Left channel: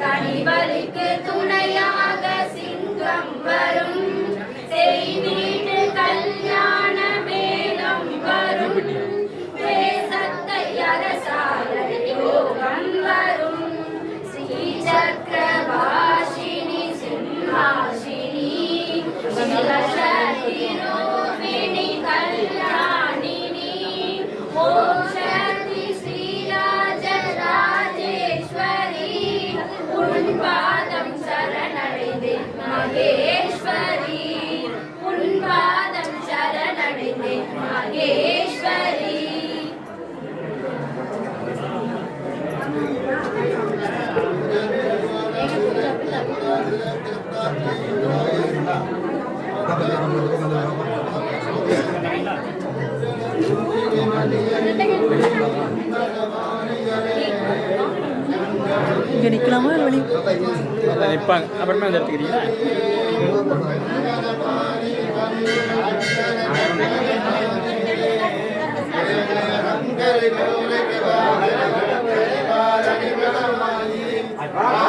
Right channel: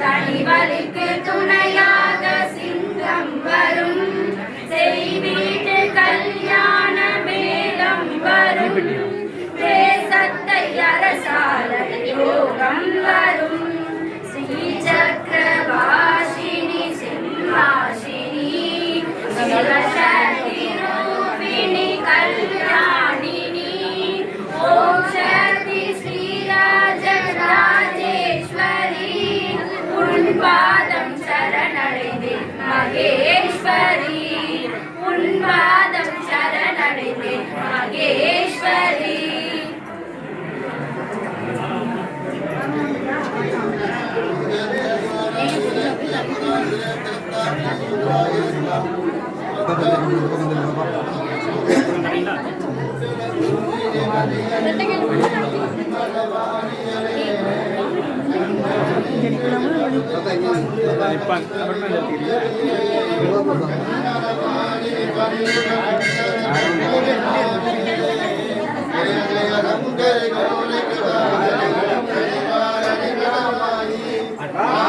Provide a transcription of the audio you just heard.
தனிவலிக்கு துணையாக சிங்கம் வரும், செய்வீட்டு கல்யாண மேளம் வரும், தேசத்தை அரசாள யோகம் வரும், ஸ்ரீசக்கரவாசினி சிம்மாசினி சிவசக்தி ரூபிணி கல்யாணினி ஓம் சக்தி ஸ்ரீராஜராஜேஸ்வரி உன் பாதம் சரணடைந்தேன் மகேஸ்வரி, உன் பாதம் சரணடைந்தேன் மகேஸ்வரி. நிற்பாங்க